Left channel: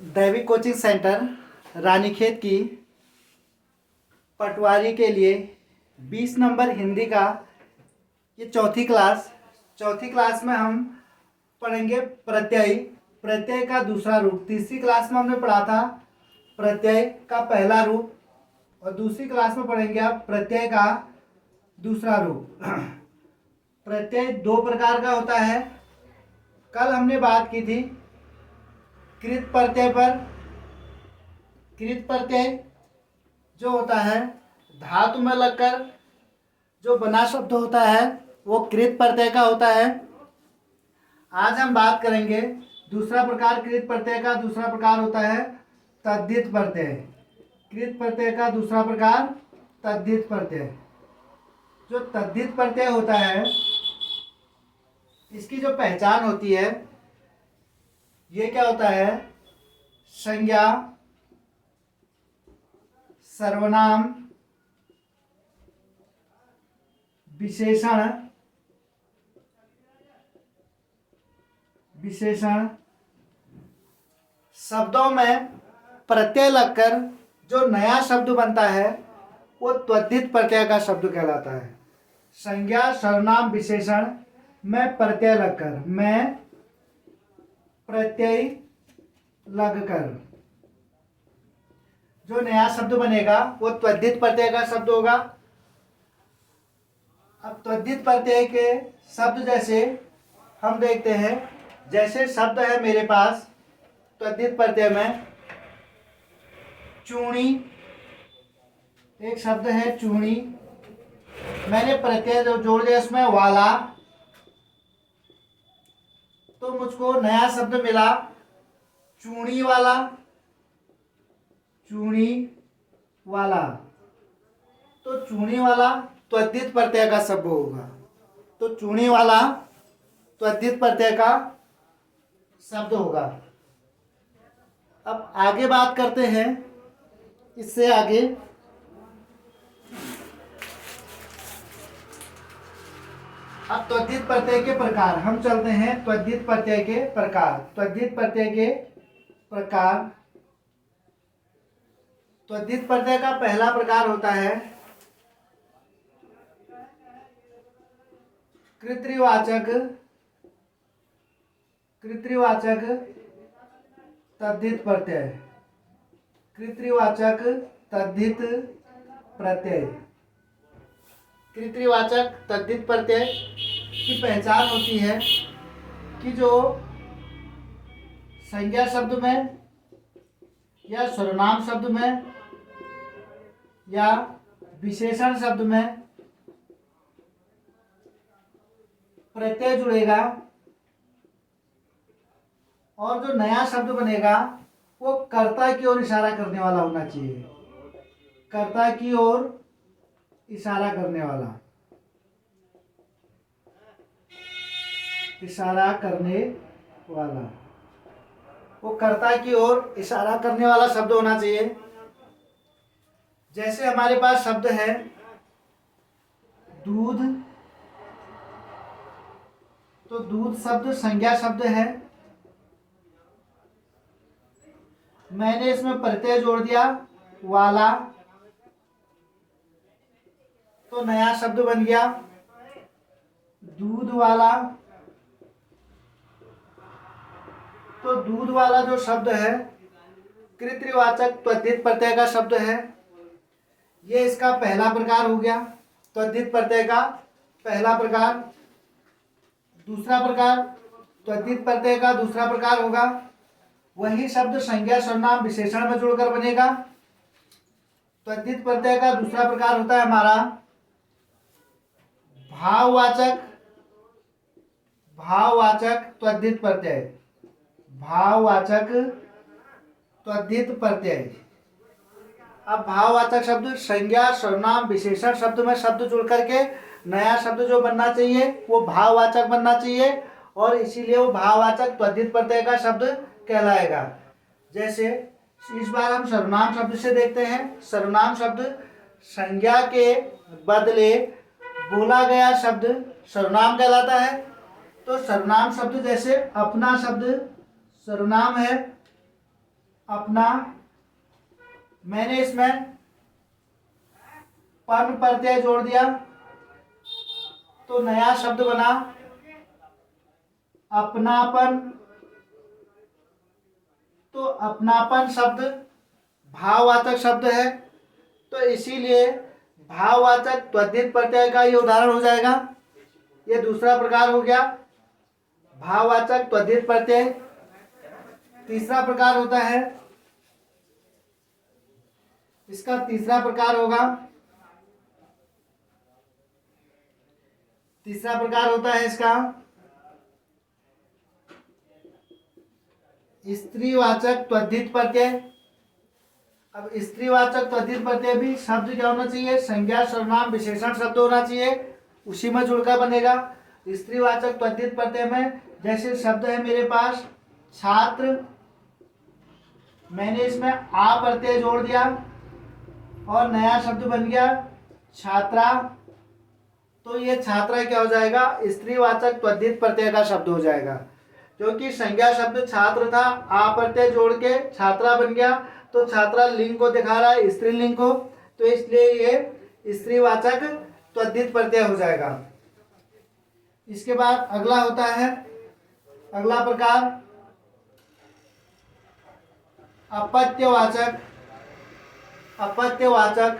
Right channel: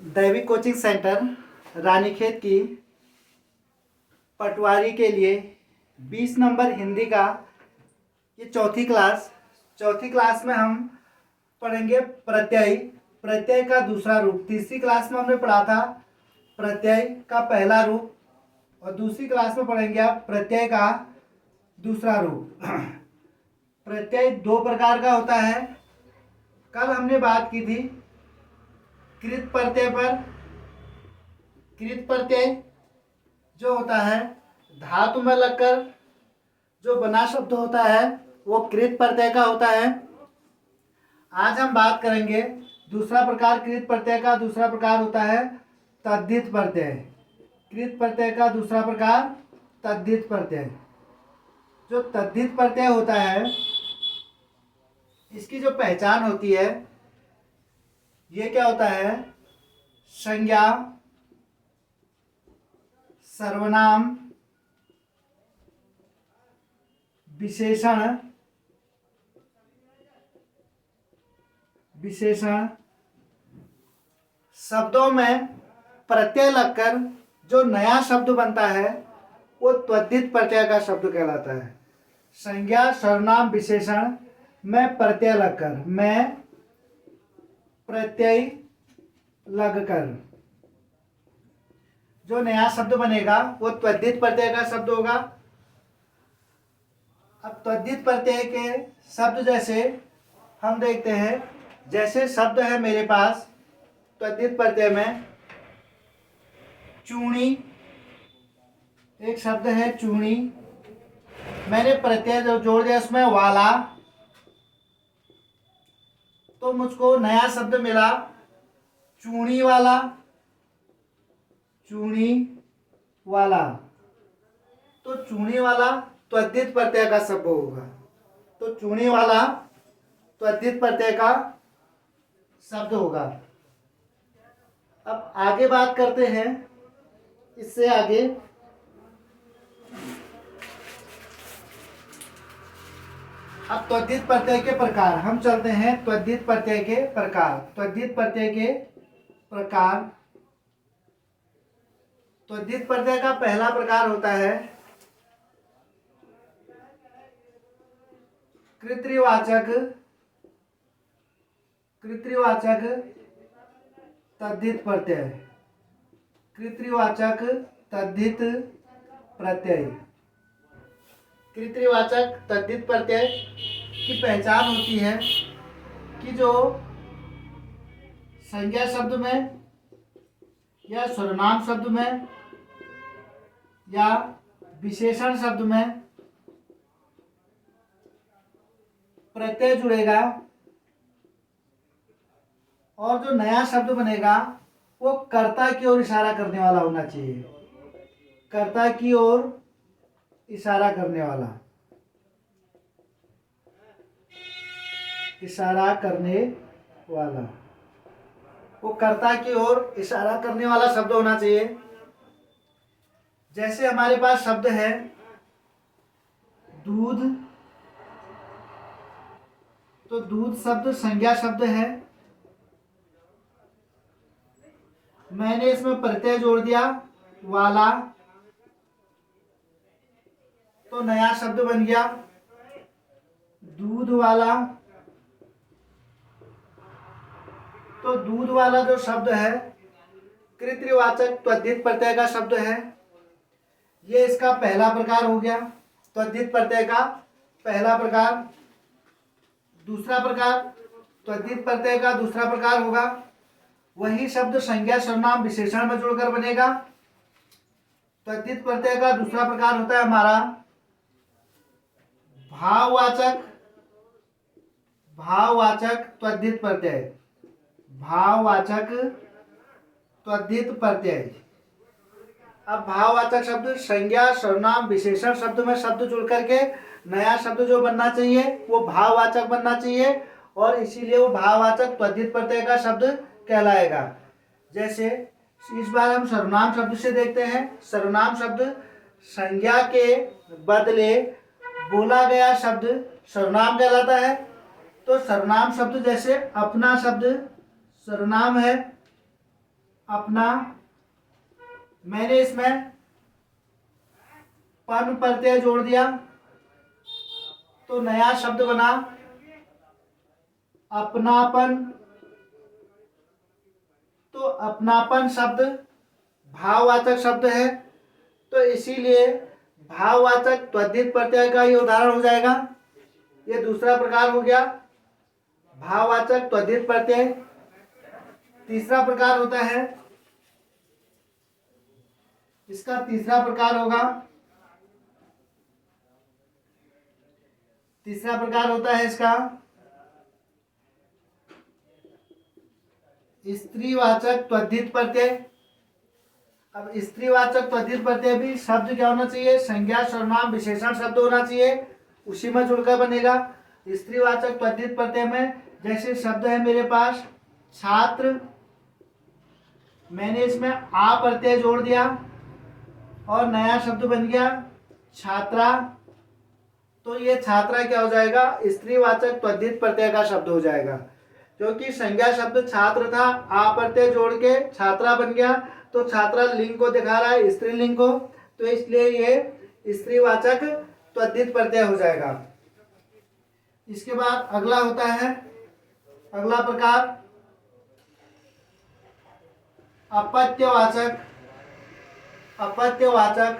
दैविक coaching centre Ranikhet की पटवारी के लिए 20 नंबर हिंदी का ये चौथी क्लास में हम पढ़ेंगे प्रत्यय। प्रत्यय का दूसरा रूप। तीसरी क्लास में हमने पढ़ा था प्रत्यय का पहला रूप और दूसरी क्लास में पढ़ेंगे आप प्रत्यय का दूसरा रूप। प्रत्यय दो प्रकार का होता है। कल हमने बात की थी कृत प्रत्यय पर। कृत प्रत्यय जो होता है धातु में लगकर जो बना शब्द होता है वो कृत प्रत्यय का होता है। आज हम बात करेंगे दूसरा प्रकार कृत प्रत्यय का। दूसरा प्रकार होता है तद्धित प्रत्यय। कृत प्रत्यय का दूसरा प्रकार तद्धित प्रत्यय। जो तद्धित प्रत्यय होता है इसकी जो पहचान होती है ये क्या होता है, संज्ञा, सर्वनाम, विशेषण, शब्दों में प्रत्यय लगकर जो नया शब्द बनता है वो तद्धित प्रत्यय का शब्द कहलाता है। संज्ञा, सर्वनाम, विशेषण में प्रत्यय लगकर, में प्रत्यय लगकर जो नया शब्द बनेगा वो तद्धित प्रत्यय का शब्द होगा। अब तद्धित प्रत्यय के शब्द जैसे हम देखते हैं, जैसे शब्द है मेरे पास तद्धित प्रत्यय में चूड़ी। एक शब्द है चूड़ी, मैंने प्रत्यय जो जोड़ दिया उसमें वाला, तो मुझको नया शब्द मिला चूड़ी वाला। चूड़ी वाला, तो चूड़ी वाला तद्धित प्रत्यय का शब्द होगा। तो चूड़ी वाला तद्धित प्रत्यय का शब्द होगा। अब आगे बात करते हैं, इससे आगे अब तद्धित प्रत्यय के प्रकार हम चलते हैं। तद्धित प्रत्यय के प्रकार। तद्धित प्रत्यय के प्रकार। तद्धित प्रत्यय का पहला प्रकार होता है कृत्रिवाचक तद्धित प्रत्यय। कृत्रिवाचक तद्धित प्रत्यय। कृत्रिवाचक तद्धित प्रत्यय की पहचान होती है कि जो संज्ञा शब्द में या सर्वनाम शब्द में या विशेषण शब्द में प्रत्यय जुड़ेगा और जो नया शब्द बनेगा वो कर्ता की ओर इशारा करने वाला होना चाहिए। कर्ता की ओर इशारा करने वाला, इशारा करने वाला, वो कर्ता की ओर इशारा करने वाला शब्द होना चाहिए। जैसे हमारे पास शब्द है दूध, तो दूध शब्द संज्ञा शब्द है, मैंने इसमें प्रत्यय जोड़ दिया वाला, तो नया शब्द बन गया दूध वाला। तो दूध वाला जो शब्द है कृत्रिवाचक तद्धित प्रत्यय का शब्द है। ये इसका पहला प्रकार हो गया, तद्धित प्रत्यय का पहला प्रकार। दूसरा प्रकार तद्धित प्रत्यय का दूसरा प्रकार होगा वही शब्द संज्ञा, सर्वनाम, विशेषण में जुड़कर बनेगा। तद्धित प्रत्यय का दूसरा प्रकार होता है हमारा भाववाचक तद्धित प्रत्यय। भाववाचक तद्धित प्रत्यय। अब भाववाचक शब्द संज्ञा, सर्वनाम, विशेषण शब्द में शब्द जुड़ करके नया शब्द जो बनना चाहिए वो भाववाचक बनना चाहिए और इसीलिए वो भाववाचक तद्धित प्रत्यय का शब्द कहलाएगा। जैसे इस बार हम सर्वनाम शब्द से देखते हैं। सर्वनाम शब्द संज्ञा के बदले बोला गया शब्द सर्वनाम कहलाता है। तो सर्वनाम शब्द जैसे अपना शब्द सर्वनाम है, अपना, मैंने इसमें पन प्रत्यय जोड़ दिया तो नया शब्द बना अपनापन। तो अपनापन शब्द भाववाचक शब्द है, तो इसीलिए भाववाचक तद्धित प्रत्यय का ये उदाहरण हो जाएगा। ये दूसरा प्रकार हो गया भाववाचक तद्धित प्रत्यय। तीसरा प्रकार होता है, इसका तीसरा प्रकार होगा, तीसरा प्रकार होता है इसका स्त्रीवाचक तद्धित प्रत्यय। अब स्त्रीवाचक तद्धित प्रत्यय भी शब्द क्या होना चाहिए, संज्ञा सर्वनाम विशेषण शब्द होना चाहिए, उसी में जुड़कर बनेगा। स्त्रीवाचक तद्धित प्रत्यय में जैसे शब्द है मेरे पास छात्र, मैंने इसमें आ प्रत्यय जोड़ दिया और नया शब्द बन गया छात्रा, तो ये छात्रा क्या हो जाएगा, स्त्रीवाचक तद्धित प्रत्यय का शब्द हो जाएगा। क्योंकि संज्ञा शब्द छात्र था, आ प्रत्यय जोड़ के छात्रा बन गया, तो छात्रा लिंग को दिखा रहा है, स्त्रीलिंग को, तो इसलिए ये स्त्रीवाचक तद्धित प्रत्यय हो जाएगा। इसके बाद अगला होता है, अगला प्रकार अपत्यवाचक, अपत्यवाचक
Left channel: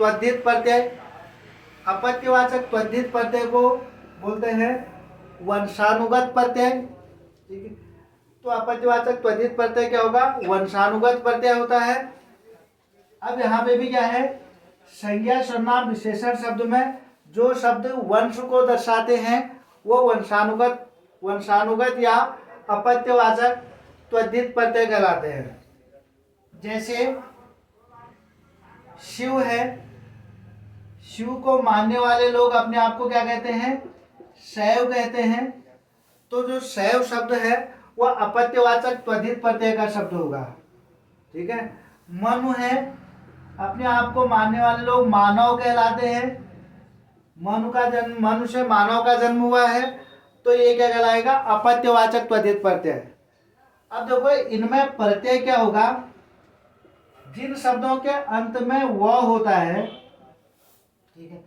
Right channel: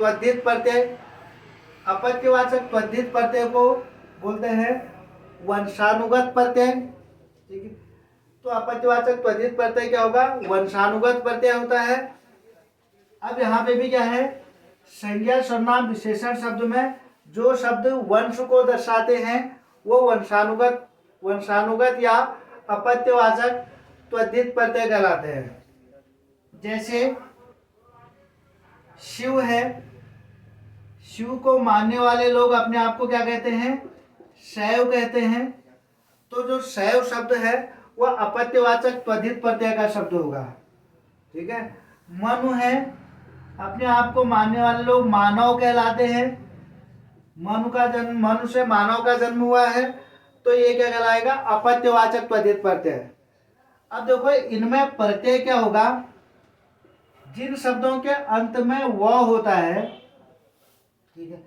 तद्धित प्रत्यय। अपत्यवाचक तद्धित प्रत्यय को बोलते हैं वंशानुगत प्रत्यय। ठीक है, तो अपत्यवाचक तद्धित प्रत्यय क्या होगा, वंशानुगत प्रत्यय होता है। अब यहाँ पे भी क्या है, संज्ञा सर्वनाम विशेषण शब्द में जो शब्द वंश को दर्शाते हैं वो वंशानुगत, वंशानुगत या अपत्यवाचक तद्धित प्रत्यय कहलाते हैं। जैसे शिव है, शिव को मानने वाले लोग अपने आप को क्या कहते हैं, शैव कहते हैं, तो जो शैव शब्द है वह अपत्यवाचक तद्धित प्रत्यय का शब्द होगा। ठीक है, मनु है, अपने आप को मानने वाले लोग मानव कहलाते हैं, मनु का जन्म, मनु से मानव का जन्म हुआ है, तो ये क्या कहलाएगा, अपत्यवाचक तद्धित प्रत्यय। अब देखो इनमें प्रत्यय क्या होगा, जिन शब्दों के अंत में व होता है, ठीक है,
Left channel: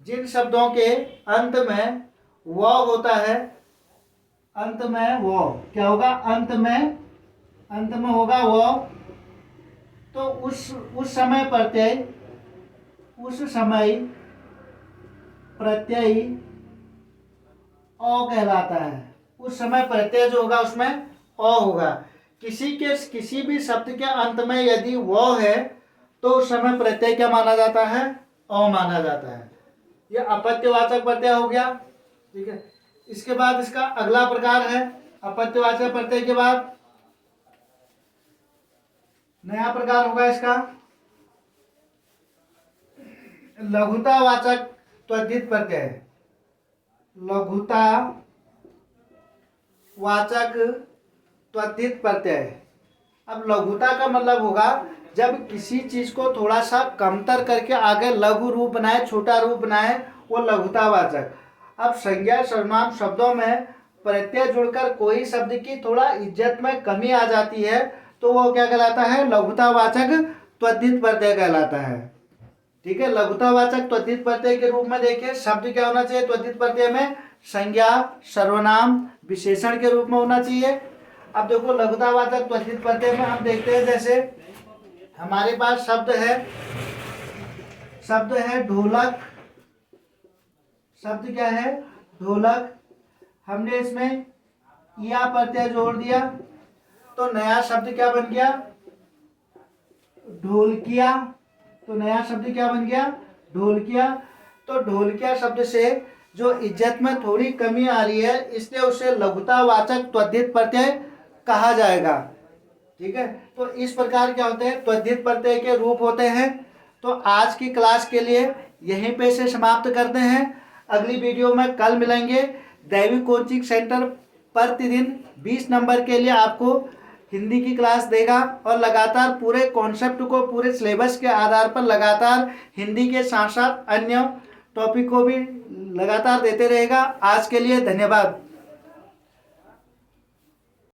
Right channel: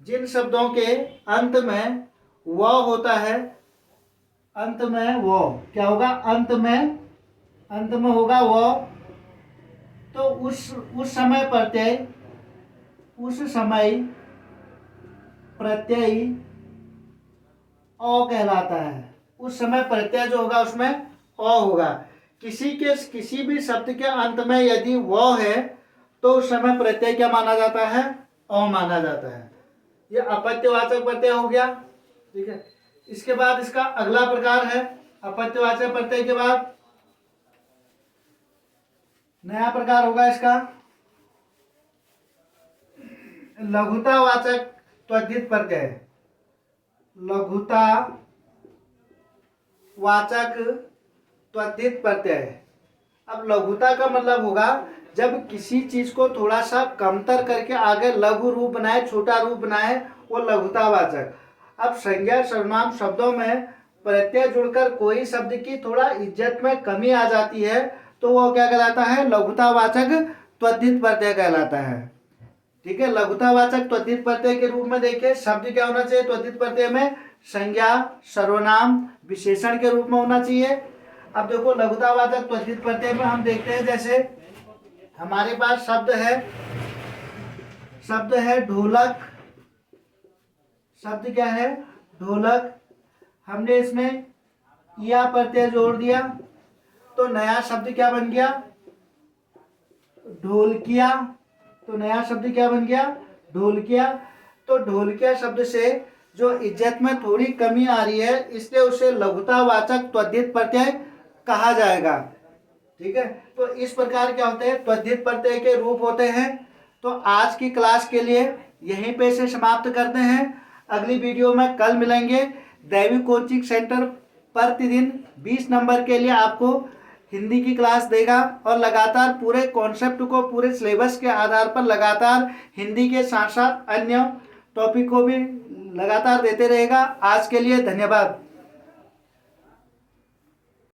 जिन शब्दों के अंत में व होता है, अंत में वो क्या होगा, अंत में होगा वो, तो उस समय प्रत्यय, उस समय प्रत्यय अ कहलाता है। उस समय प्रत्यय जो होगा उसमें अ होगा। किसी भी शब्द के अंत में यदि वो है तो उस समय प्रत्यय क्या माना जाता है, अ माना जाता है। यह अपत्यवाचक प्रत्यय हो गया। ठीक है, इसके बाद इसका अगला प्रकार है, अपत्यवाचक प्रत्यय के बाद नया प्रकार होगा इसका लघुतावाचक तद्धित प्रत्यय। लघुतावाचक त्वरित प्रत्यय। अब लघुता का मतलब होगा जब किसी चीज को थोड़ा सा कमतर करके आगे लघु रूप बनाए, छोटा रूप बनाए, वो लघुतावाचक। अब संज्ञा सर्वनाम शब्दों में प्रत्यय जुड़कर कोई शब्द की थोड़ा इज्जत में कमी आ जाती है तो वो क्या कहलाता है, लघुतावाचक त्वरित प्रत्यय कहलाता है। ठीक है, लघुतावाचक त्वरित प्रत्यय के रूप में देखिए शब्द क्या होना चाहिए, त्वरित प्रत्यय में संज्ञा सर्वनाम विशेषण के रूप में होना चाहिए। अब देखो लघुतावाचक त्वरित प्रत्यय में हम देखते हैं, जैसे हमारे पास शब्द है ढोलक। शब्द क्या है, ढोलक। हमने इसमें या प्रत्यय जोड़ दिया तो नया शब्द क्या बन गया, ढोलकिया। तो नया शब्द क्या बन गया, ढोलकिया। तो ढोलकिया शब्द से जो इज्जत में थोड़ी कमी आ रही है इसलिए उसे लघुतावाचक त्वरित प्रत्यय कहा जाएगा। ठीक है, तो इस प्रकार क्या होते हैं, त्वरित प्रत्यय के रूप होते हैं। तो आज की क्लास के लिए यहीं पे से समाप्त करते हैं। अगली वीडियो में कल मिलेंगे। दैविक कोचिंग सेंटर प्रतिदिन 20 नंबर के लिए आपको हिंदी की क्लास देगा और लगातार पूरे कॉन्सेप्ट को पूरे सिलेबस के आधार पर लगातार हिंदी के साथ साथ अन्य टॉपिक को भी लगातार देते रहेगा। आज के लिए धन्यवाद।